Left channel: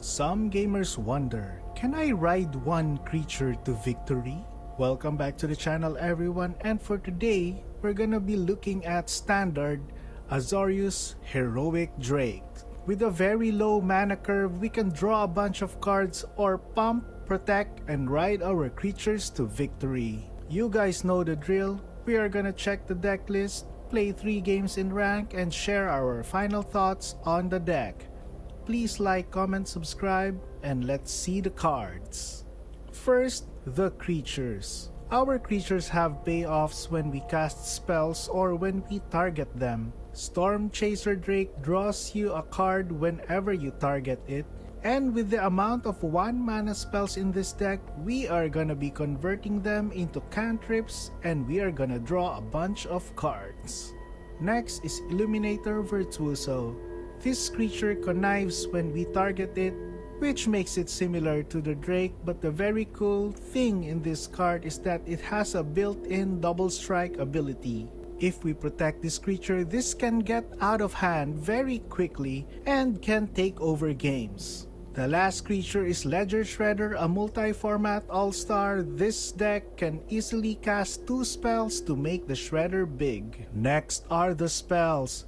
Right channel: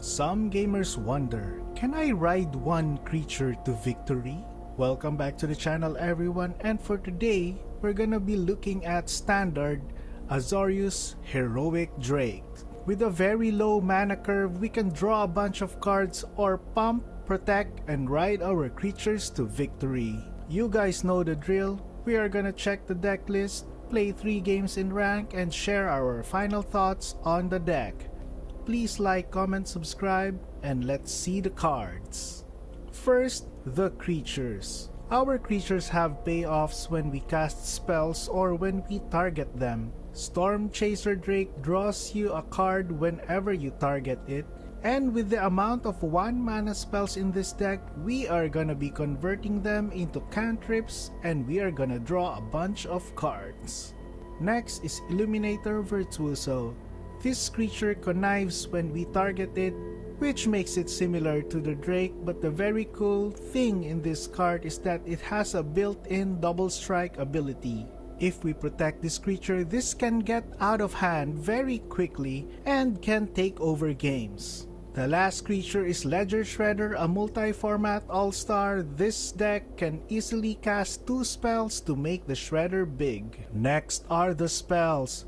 Some gamers wonder, can I ride one creature to victory? Welcome back to the channel everyone, and for today, we're gonna be looking at standard AZORIUS Heroic Drake. With a very low mana curve, we can draw a bunch of cards or pump, protect, and ride our creatures to victory. You guys know the drill. We are gonna check the deck list, play 3 games in rank, and share our final thoughts on the deck. Please like, comment, subscribe, and let's see the cards. First, the creatures. Our creatures have payoffs when we cast spells or when we target them. Stormchaser Drake draws you a card whenever you target it, and with the amount of 1 mana spells in this deck, we are gonna be converting them into cantrips and we are gonna draw a bunch of cards. Next is Illuminator Virtuoso. This creature connives when we target it, which makes it similar to the Drake, but the very cool thing in this card is that it has a built-in double strike ability. If we protect this creature, this can get out of hand very quickly and can take over games. The last creature is Ledger Shredder, a multi-format all-star. This deck can easily cast 2 spells to make the Shredder big. Next are the spells.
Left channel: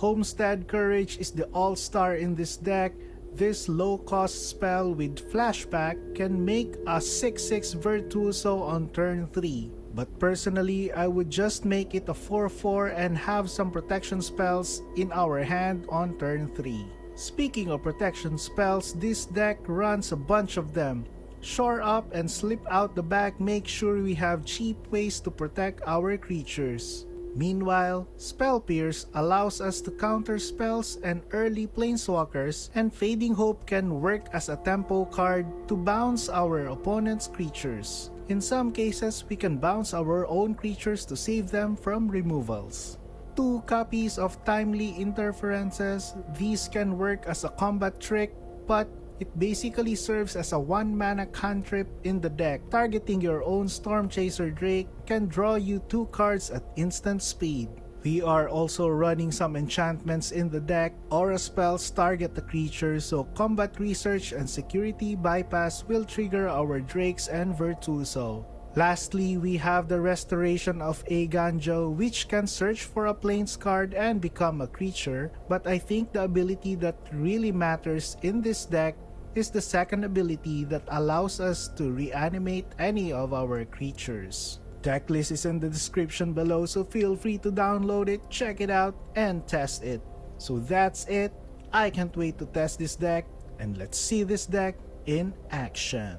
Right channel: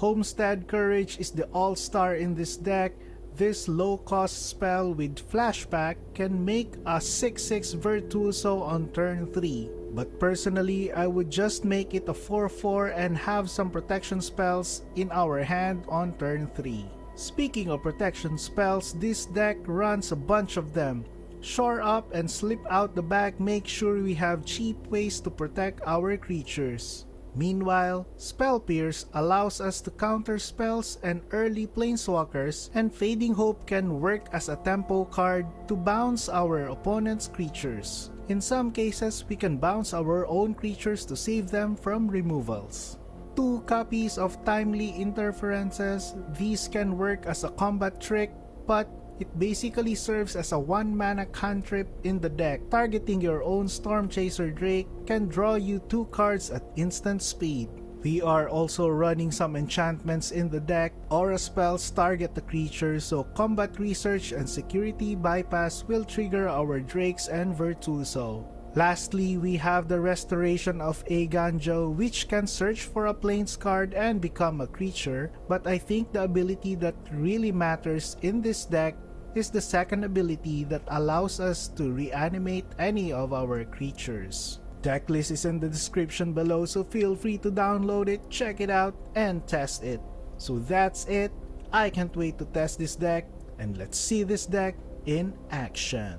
Homestead Courage is the all-star in this deck. This low-cost spell with flashback can make a 6/6 Virtuoso on turn 3. But personally, I would just make it a 4/4 and have some protection spells in our hand on turn 3. Speaking of protection spells, this deck runs a bunch of them. Shore up and slip out the back, make sure we have cheap ways to protect our creatures. Meanwhile, Spell Pierce allows us to counter spells and early Planeswalkers, and Fading Hope can work as a tempo card to bounce our opponent's creatures. In some cases, we can bounce our own creatures to save them from removals. 2 copies of Timely Interferences. These can work as a combat trick, but it basically serves as a 1 mana cantrip in the deck. Targeting your own Stormchaser Drake can draw you 2 cards at instant speed. We are also running some enchantments in the deck. Aura spells target the creature, so combat research and security bypass will trigger our Drakes and Virtuoso. Lastly, we have the Restoration of Eiganjo, which can search for a Plains card and become a creature, but I think the ability that really matters in this deck is the second ability that allows us to reanimate any of our creatures. Deck list is in the description below, so feel free to download it, check it out, and test it. So that's it. I can't wait to test this deck, and let's see this deck in action.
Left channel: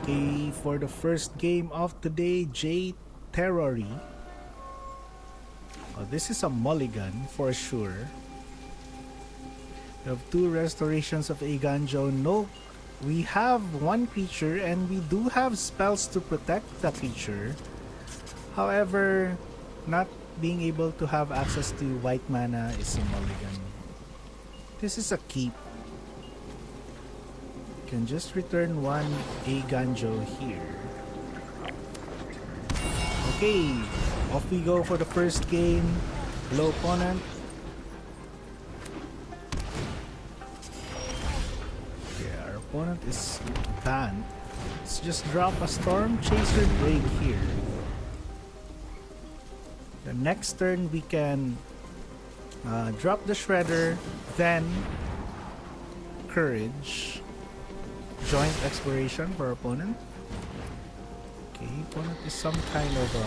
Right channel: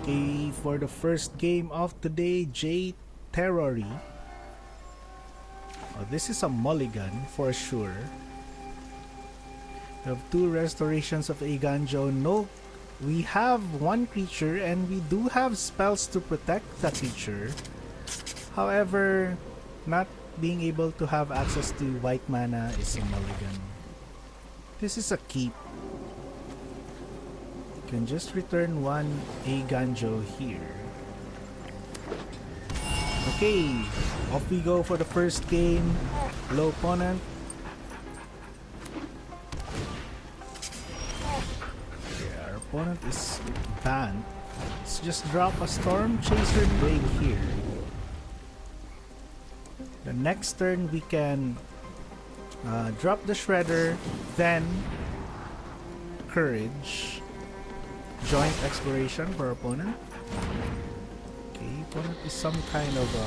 Okay, for the first game of today, J Terrory. This is a mulligan for sure. We have 2 Restorations of Eiganjo. No, we have 1 creature and we do have spells to protect the creature. However, not being able to have access to white mana is a mulligan. This is a keep. You can just return 1 Eiganjo here. Okay, off we go for the first game. Low opponent. Opponent is Bant. Let's just drop a Stormchaser Drake here. The next turn we can drop the Shredder, then Courage. Joint Exploration for opponent. Okay, opponent is some kind of a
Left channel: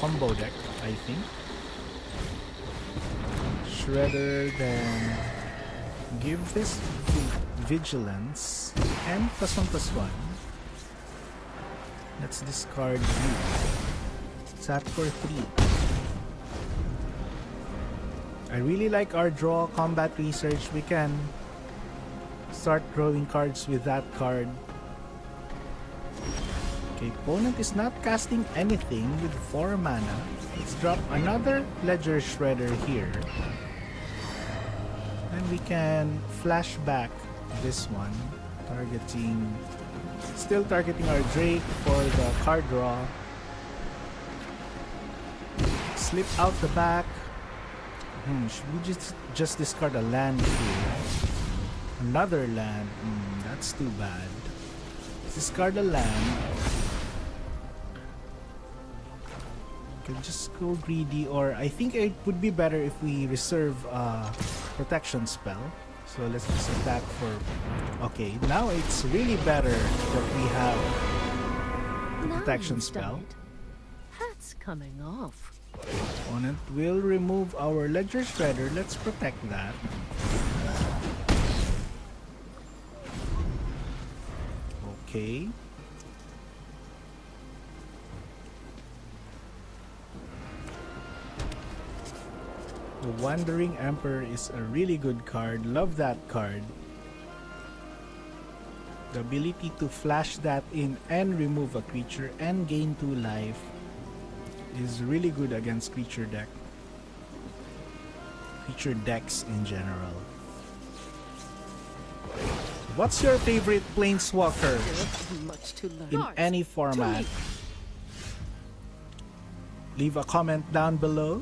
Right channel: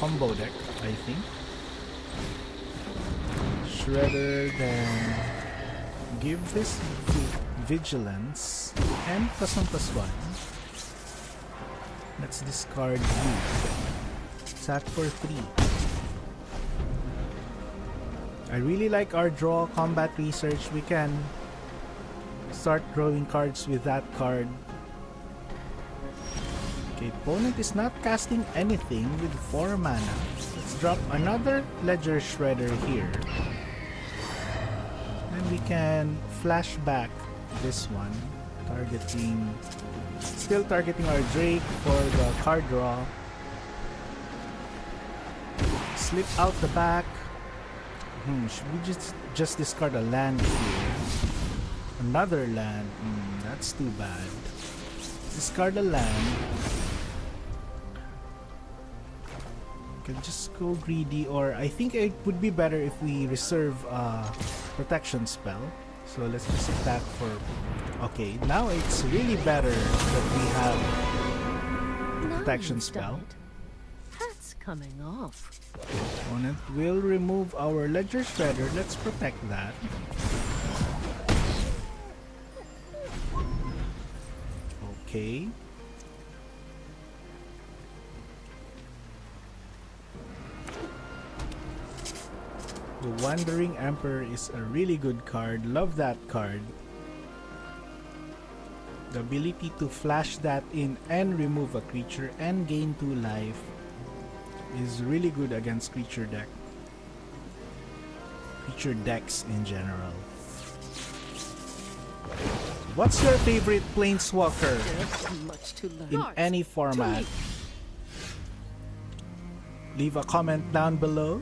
combo deck, I think. Shredder, then give this Vigilance and +1/+1. Let's discard Sat for 3. I really like our draw combat research. We can start drawing cards with that card. Okay, opponent is not casting anything with 4 mana. Let's drop another Ledger Shredder here. And we can flashback this one, still targeting our Drake for the card draw. Slip out the back. Should we just discard a land here? Another land. That's too bad. Discard a land. We can just go greedy, or I think it would be better if we reserve a protection spell. So let's just attack for... Okay, now it's really better that we have protection spell. That's coming off. Opponent will remove our Ledger Shredder. Let's protect that. Okay. The Wandering Emperor is a really good card. Love that card. The ability to flash that in and remove a creature and gain 2 life is really good against creature decks in general. What's your favorite Planeswalker Much to learn. in any format? Leave a comment down below.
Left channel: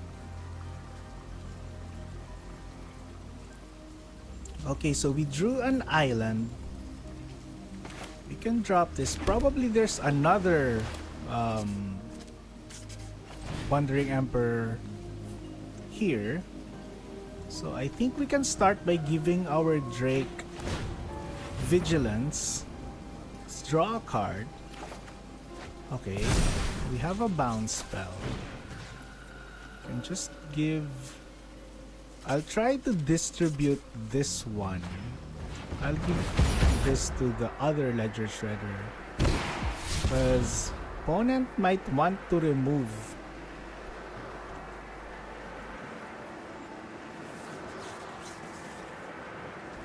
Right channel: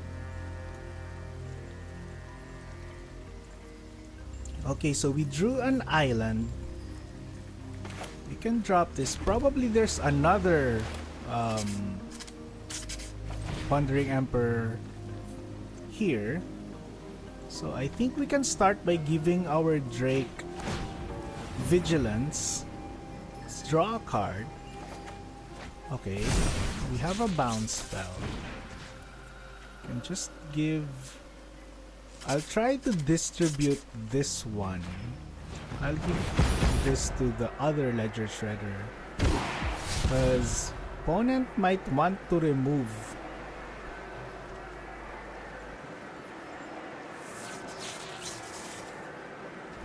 Okay, so we drew an island. We can drop this. Probably there's another Wandering Emperor here. So I think we can start by giving our Drake Vigilance. Let's draw a card. Okay, we have a bounce spell. And just give... I'll try to distribute this one. I'll give this to the other Ledger Shredder, because opponent might want to remove.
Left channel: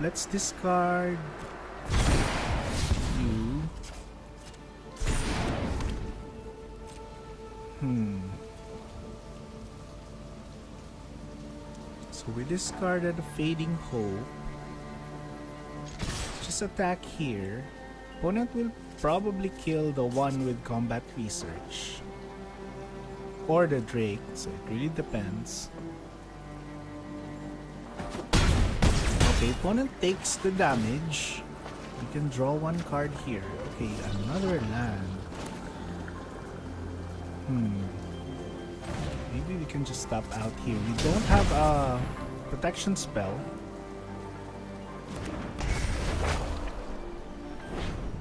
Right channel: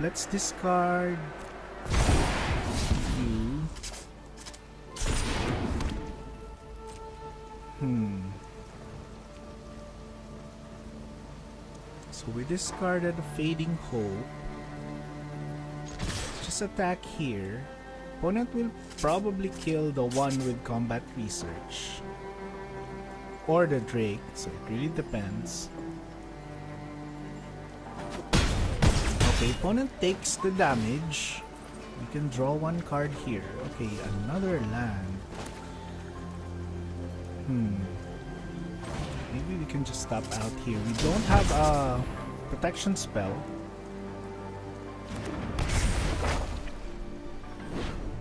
Let's discard you. So we discarded Fading Hope. Just attack here. Opponent will probably kill the one with Combat Research. Or the Drake, so it really depends. Okay, opponent takes the damage. We can draw one card here. Okay, another land. Maybe we can just stop out here. We don't have a protection spell.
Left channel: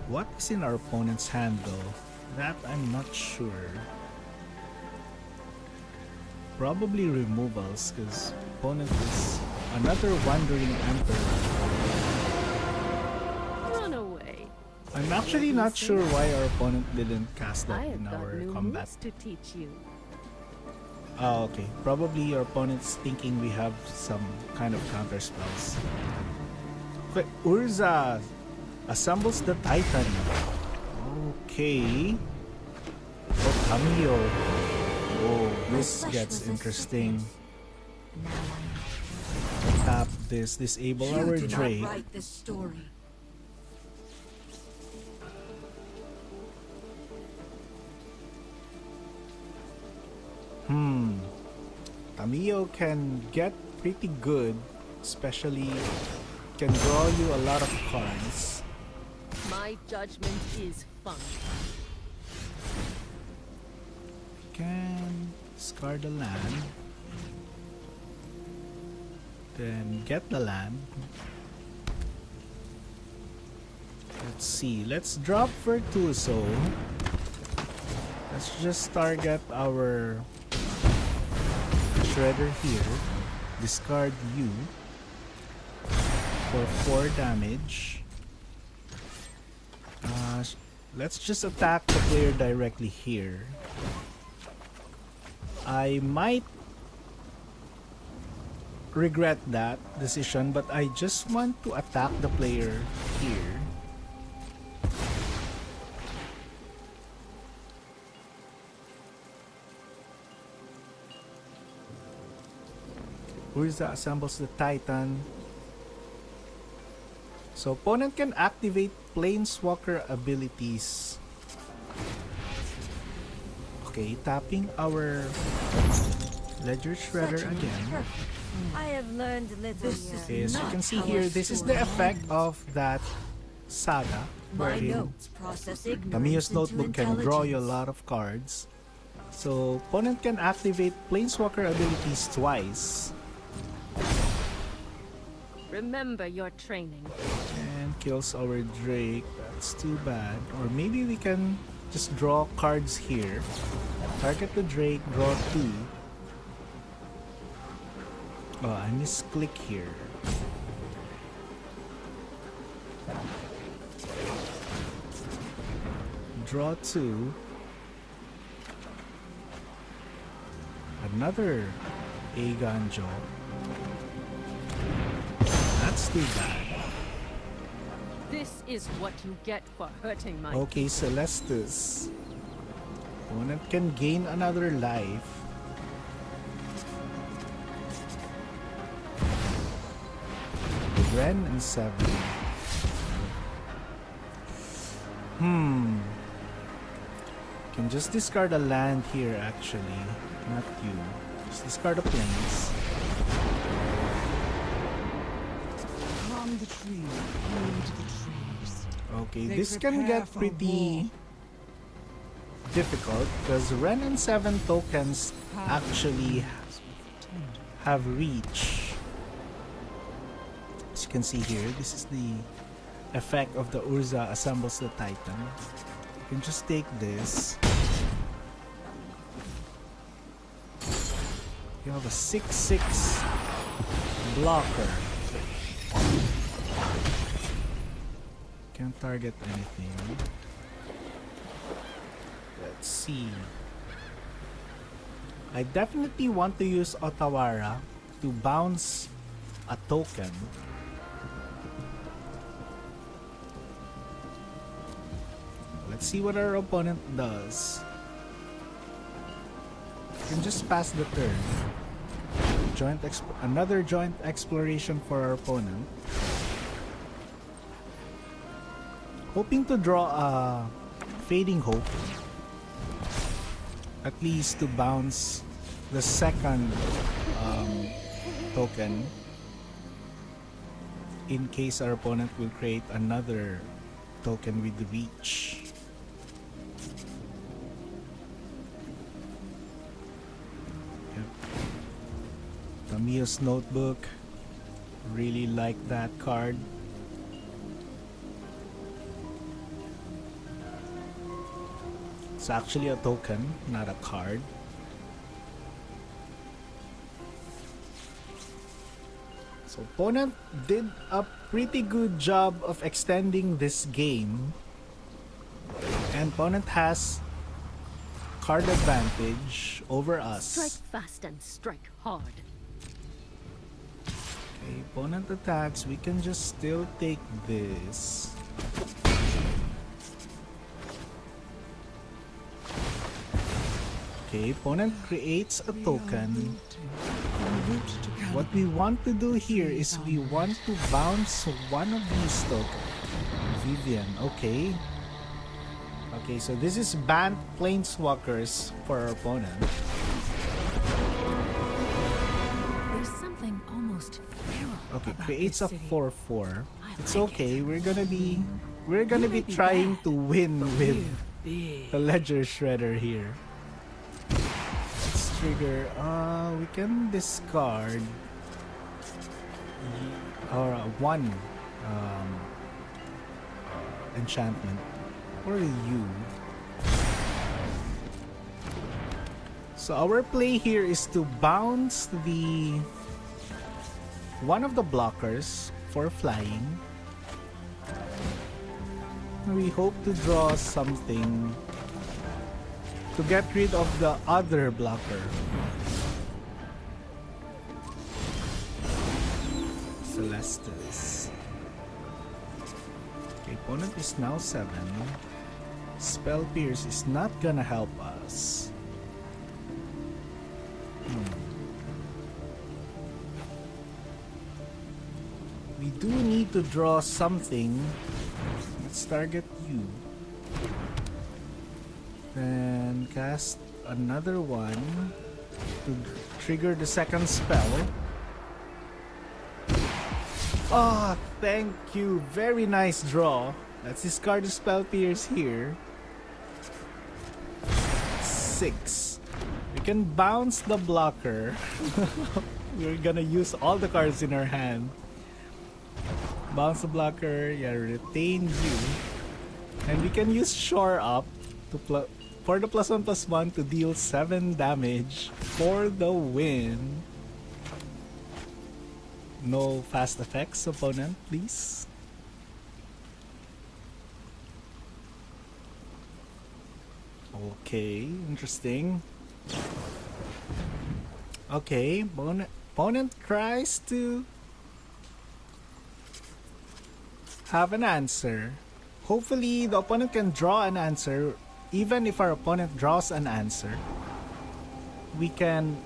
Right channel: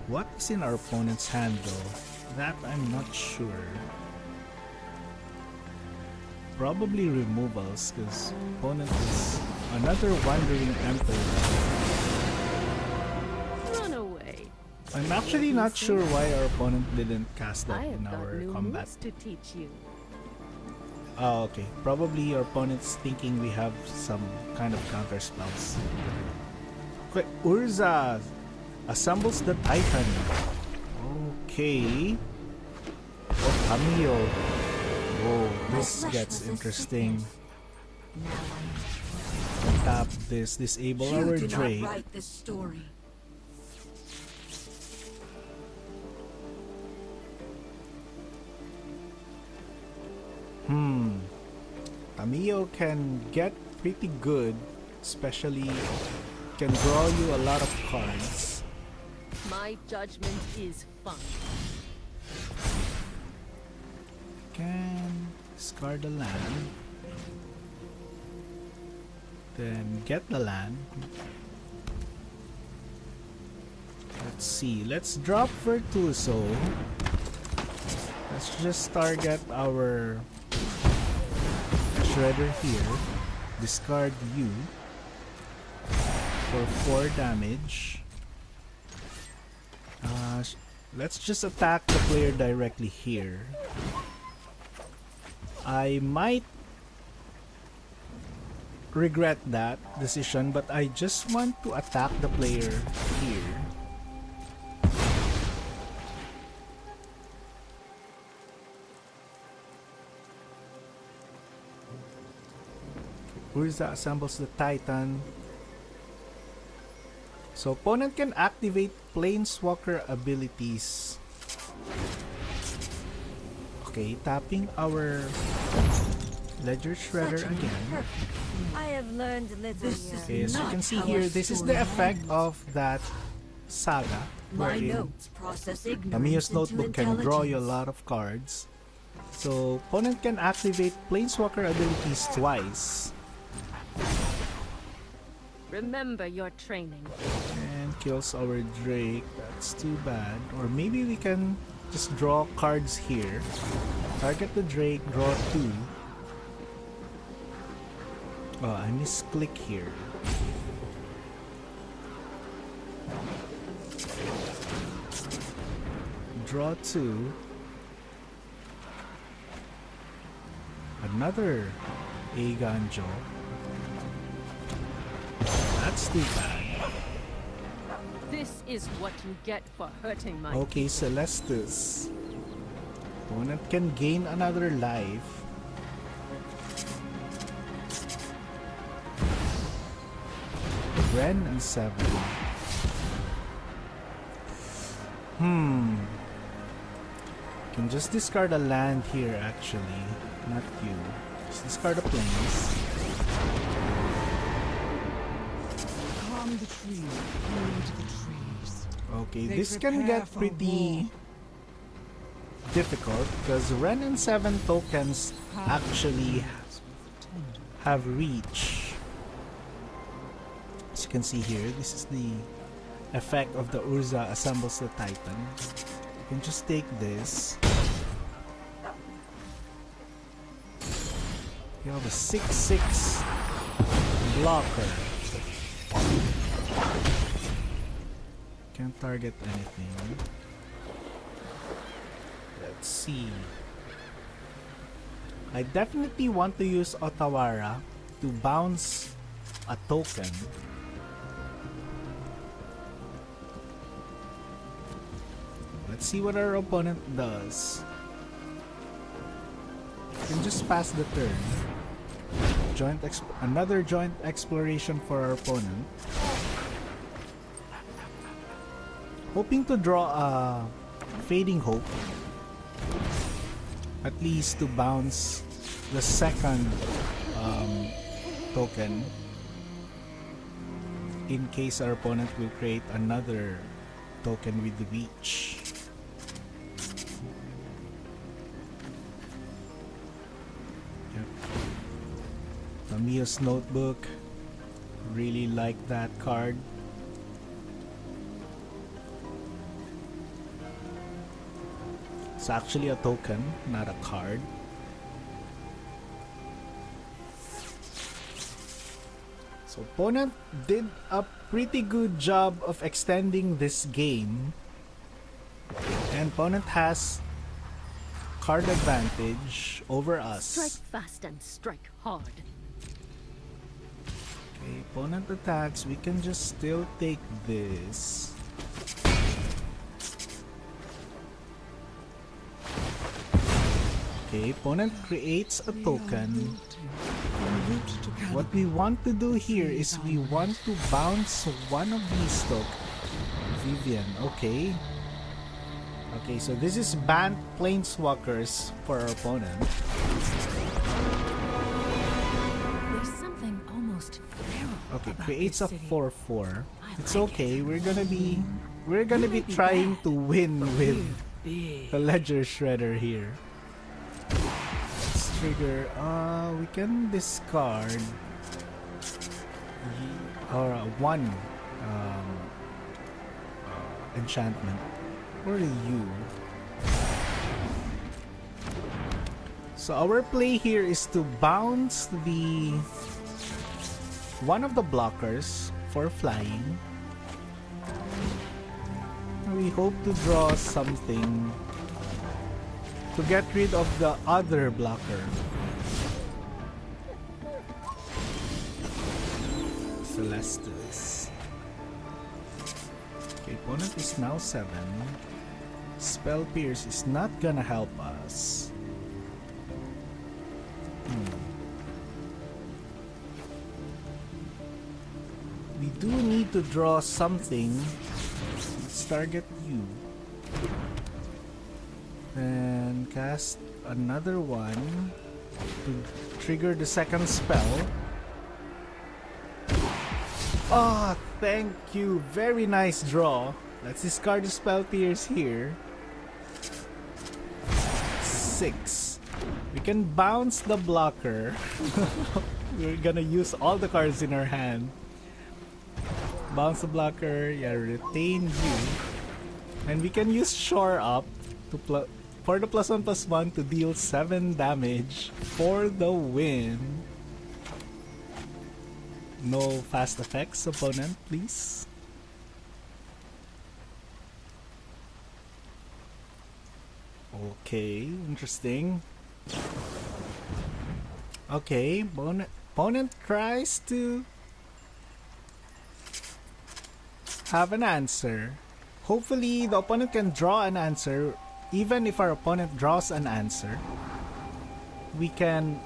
What is in our opponent's hand though? That I'm not sure. Probably removals, because opponent is another Wandering Emperor. Run away. I'm actually not sure why our opponent didn't cast that I in have got our new combat. moves to teach you. Oh, okay. Probably your opponent's thinking we have some kind of counter spells. Okay, Urza assembles the Titan. Okay. Oh, Cameo. Oh, this gets interesting. Tap this, disable our You do not Drake. write this story. Cameo can get pretty good, especially can draw you a lot of cards. My judgment is fun. Can discard the land. Then get the land. Let's see. Let's drop Virtuoso. Let's just target our Shredder here. Discard you for 4 damage. Let's just attack the player directly here. I might regret that decision, but I just want to attack the player here. Urza assembles the Titan. So opponent can activate Planeswalker abilities. Okay, tapping our Ledger Shredder again. I have learned little here. Okay, as you can see here, this is the effect of that saga. My wherein notes process ignorance Amiya's into notebook can draw you a intelligence. lot of cards. So, opponent can activate Planeswalker abilities twice. Remember your training. And kills our Drake. That's too bad. Or maybe we can just draw cards here. Target the Drake, draw 2. Oh, I misclick here. Draw 2. Another Eiganjo. That's too bad. This is what you get for hurting my Okay, Celestus. Opponent can gain another life. Ren and 7. Can just discard a land here actually. Not you. Just discard a Plains. Calm the tree, heed the trees. Okay, They this can prepare get for pretty war. difficult because Ren and 7 tokens actually have reach. As you can see here, this is the effect of the Urza assembles the Titan. You can just take this. You have a 6/6 blocker. Can't target anything. Let's see. I definitely want to use Otawara to bounce a token. Let's see what our opponent does. You can just pass the turn. Another joint exploration for our opponent. Hoping to draw a Fading Hope. At least to bounce the second token. In case our opponent will create another token with the reach. Mia's Notebook. Really like that card. It's actually a token, not a card. So opponent did a pretty good job of extending this game. And opponent has card advantage over us. Strike fast and strike hard. Okay, opponent attacks, we can just still take this. Okay, opponent creates a token. What we want to do here is we want to bounce one of these tokens. Vivian, okay. Okay, so this is Bant Planeswalkers for our opponent. There's something almost feral Okay, about creates this a city. 4/4. I It's like okay. it. We're gonna be may be trying bad, to win with Big. the Ledger Shredder here. Let's trigger. We can discard or one enchantment or you. So our play here is to bounce the one of the blockers for flying. We hope to draw something to get rid of the other blocker. Celestus. Okay, opponent is now 7. Spell Pierce is not gonna help us. We do need to draw something. Let's target you. And cast another one. to trigger the second spell. Oh, thank you. Very nice draw. Let's discard the spell pierce here. 6. We can bounce the blocker. We're gonna use all the cards in our hand. Bounce the blocker, yeah, retain you. And we can use Shore Up to for the +1/+1 to deal 7 damage for the win. No fast effects, opponent, please. Okay, interesting. Okay, opponent tries to have an answer. Hopefully, the opponent can draw an answer. Even if our opponent draws an answer, opponent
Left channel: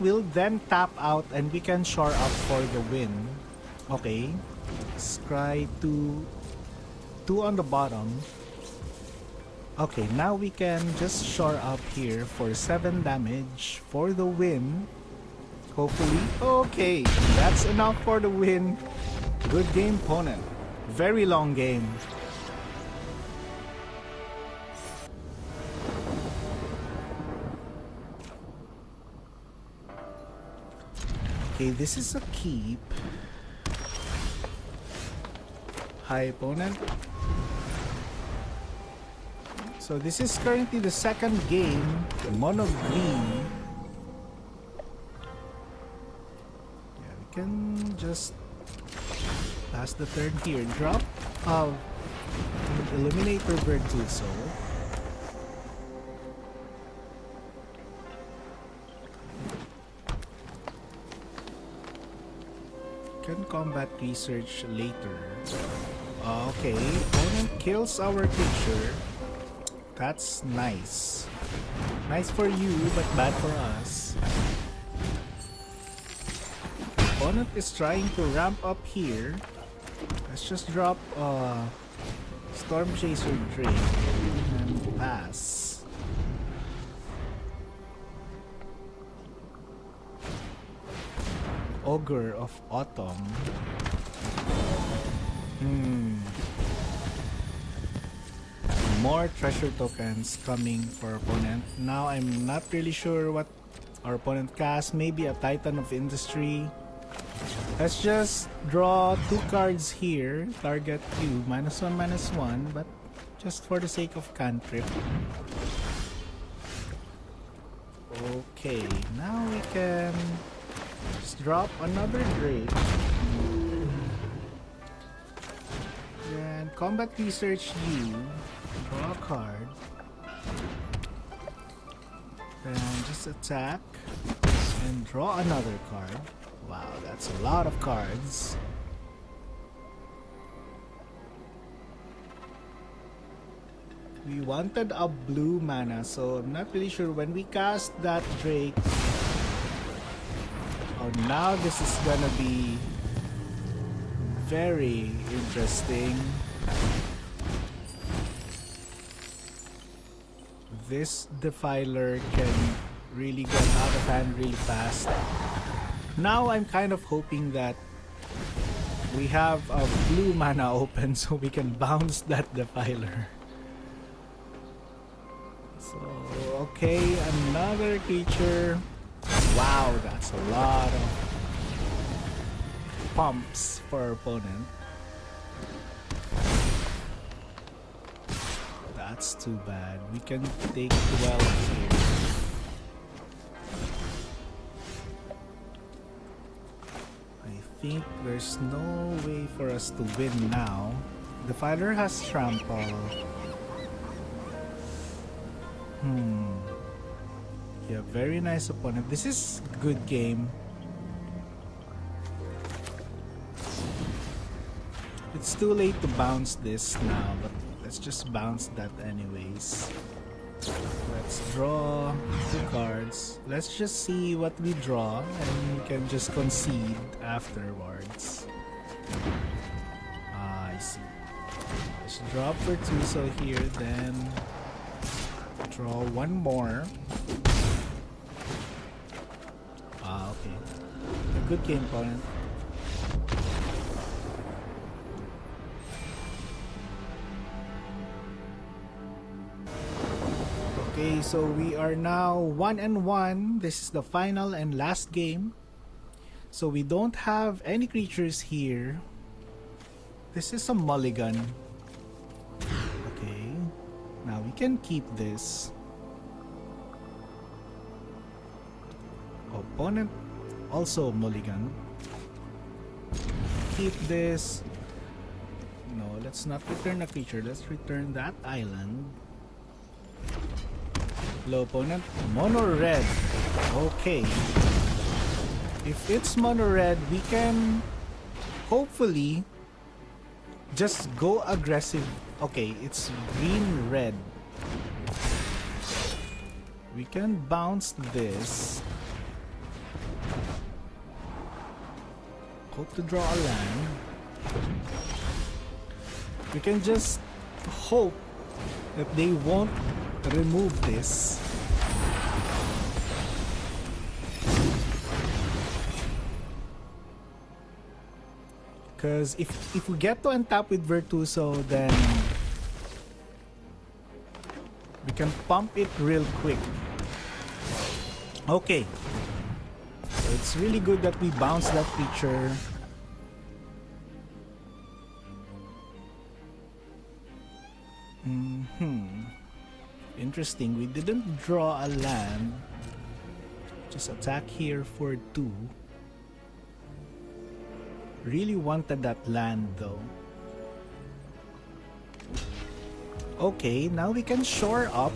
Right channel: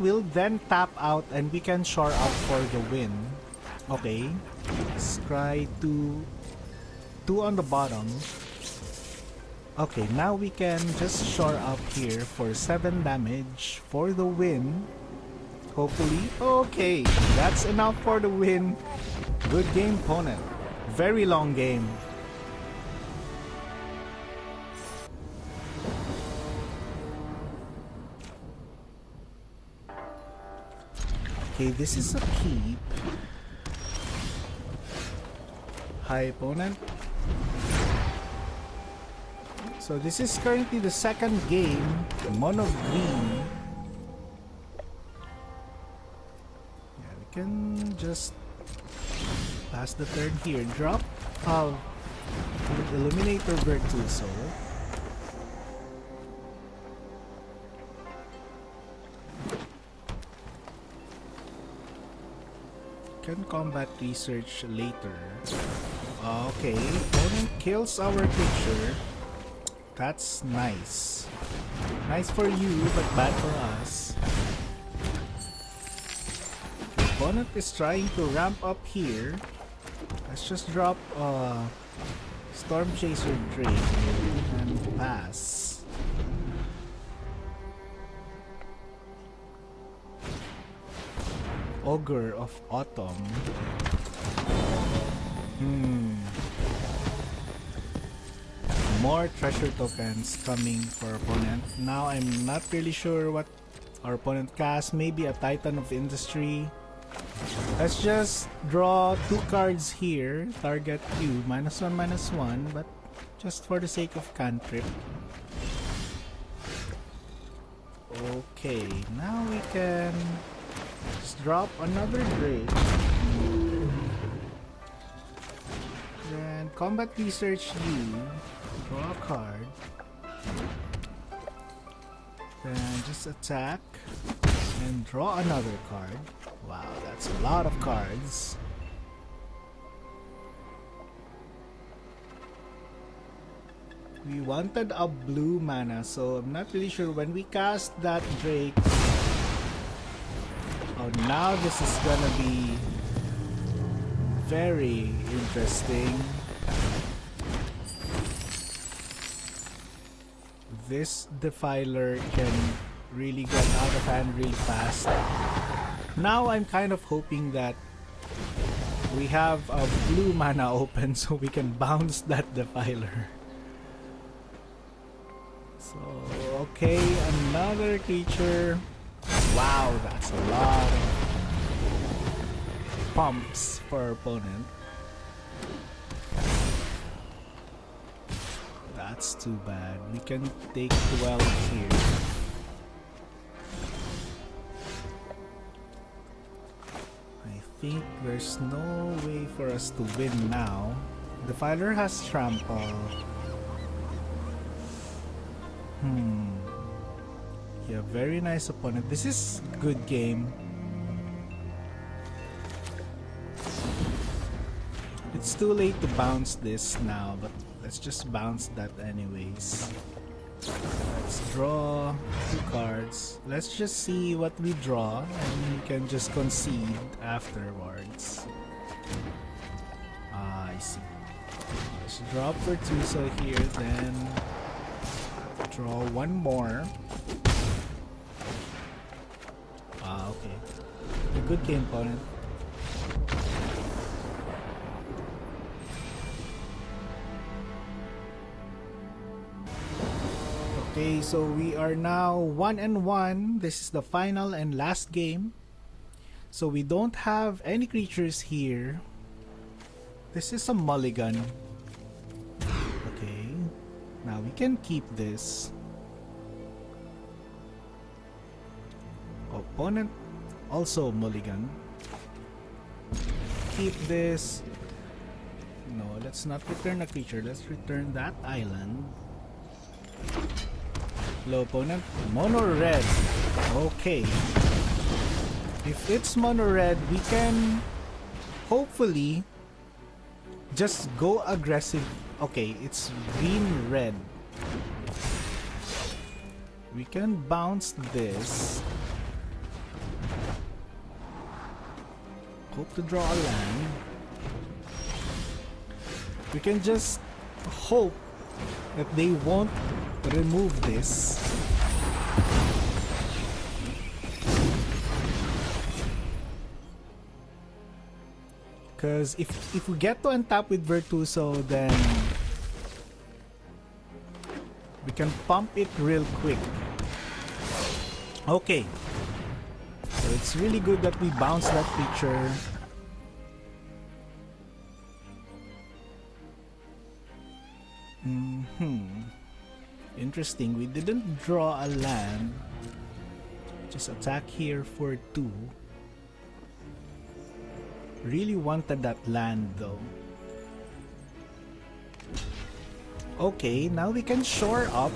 will then tap out and we can shore up for the win. Okay, scry 2 on the bottom. Okay, now we can just shore up here for 7 damage for the win. Hopefully. Okay, that's enough for the win. Good game, opponent. Very long game. Okay, this is a keep. Hi, opponent. So this is currently the second game. Mono green. Yeah, we can just pass the turn here. Drop Illuminator Virtuoso. Can combat research later. Okay, opponent kills our creature. That's nice. Nice for you, but bad for us. Opponent is trying to ramp up here. Let's just drop Stormchaser Drake. Pass. Ogre of Autumn. More treasure tokens coming for opponent. Now I'm not really sure what our opponent casts. Maybe a Titan of Industry. Let's just draw 2 cards here. Target Q. -1/-1, but just for the sake of cantrip. Okay, now we can just drop another Drake. And combat research you. Draw a card. Then just attack. And draw another card. Wow, that's a lot of cards. We wanted a blue mana, so I'm not really sure when we cast that Drake. Oh, now this is gonna be very interesting. This Defiler can really get out of hand really fast. Now I'm kind of hoping that we have a blue mana open so we can bounce that Defiler. So, okay, another creature. Wow, that's a lot of pumps for our opponent. That's too bad. We can take 12 here. I think there's no way for us to win now. The Defiler has trample. Yeah, very nice opponent. This is a good game. It's too late to bounce this now, but let's just bounce that anyways. Let's draw 2 cards. Let's just see what we draw and we can just concede afterwards. I see. Let's draw for 2, so here then draw 1 more. Good game, opponent. Okay, so we are now 1-1. This is the final and last game. So we don't have any creatures here. This is a mulligan. Okay, now we can keep this. Opponent also mulligan. Keep this. No, let's not return a creature. Let's return that island. Hello, opponent. Mono red. Okay. If it's mono red, we can hopefully just go aggressive. Okay, it's green red. We can bounce this. Hope to draw a land. We can just hope that they won't remove this. Because if we get to untap with Virtuoso, then we can pump it real quick. Okay. So it's really good that we bounce that picture. Interesting, we didn't draw a land. Just attack here for 2. Really wanted that land though. Okay, now we can shore up.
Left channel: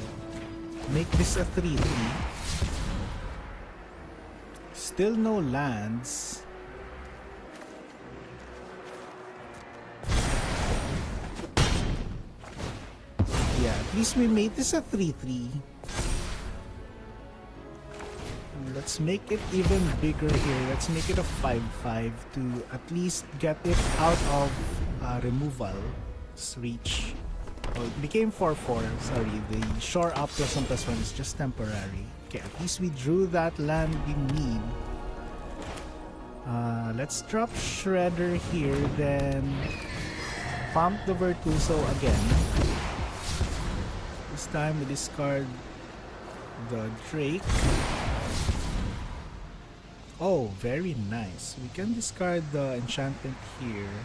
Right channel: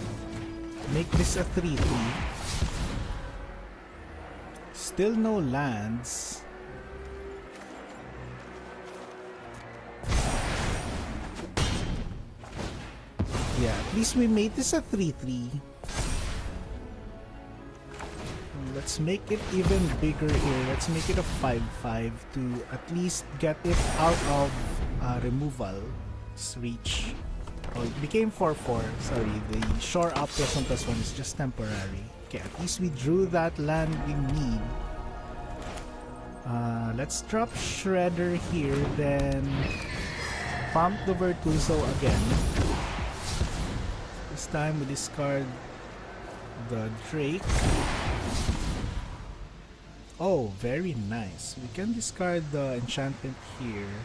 Make this a 3-3. Still no lands. Yeah, at least we made this a 3-3. Let's make it even bigger here. Let's make it a 5-5 to at least get it out of removal reach. Oh, it became 4-4. Sorry, the shore up +1/+1 is just temporary. Okay, at least we drew that land we need. Let's drop Shredder here, then pump the Virtuoso again. This time we discard the Drake. Oh, very nice. We can discard the enchantment here.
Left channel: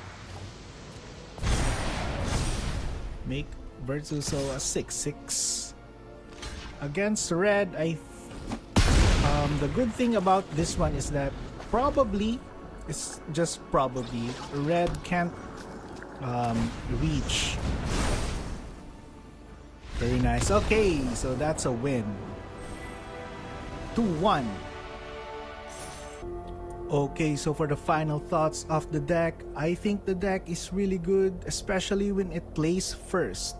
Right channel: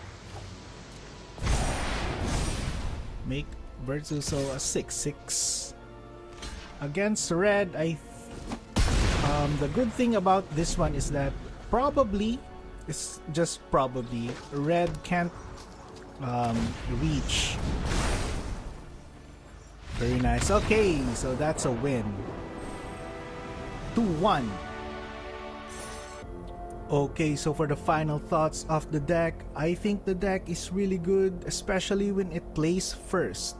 Make Virtuoso a 6-6. Against red, the good thing about this one is that probably, it's just probably, red can't reach. Very nice. Okay, so that's a win. 2-1. Okay, so for the final thoughts of the deck, I think the deck is really good, especially when it plays first.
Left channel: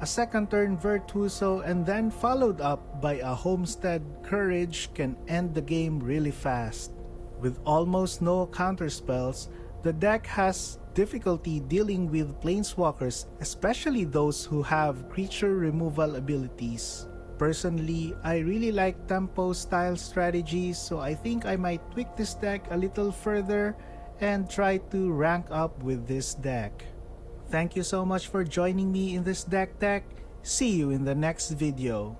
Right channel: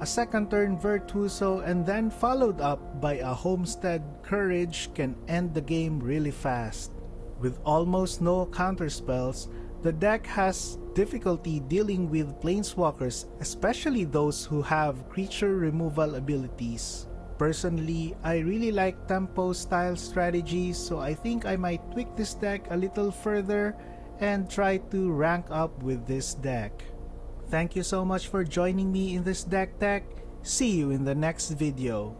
A second turn Virtuoso and then followed up by a Homestead Courage can end the game really fast. With almost no counterspells, the deck has difficulty dealing with Planeswalkers, especially those who have creature removal abilities. Personally, I really like tempo style strategies, so I think I might tweak this deck a little further and try to rank up with this deck. Thank you so much for joining me in this deck tech. See you in the next video.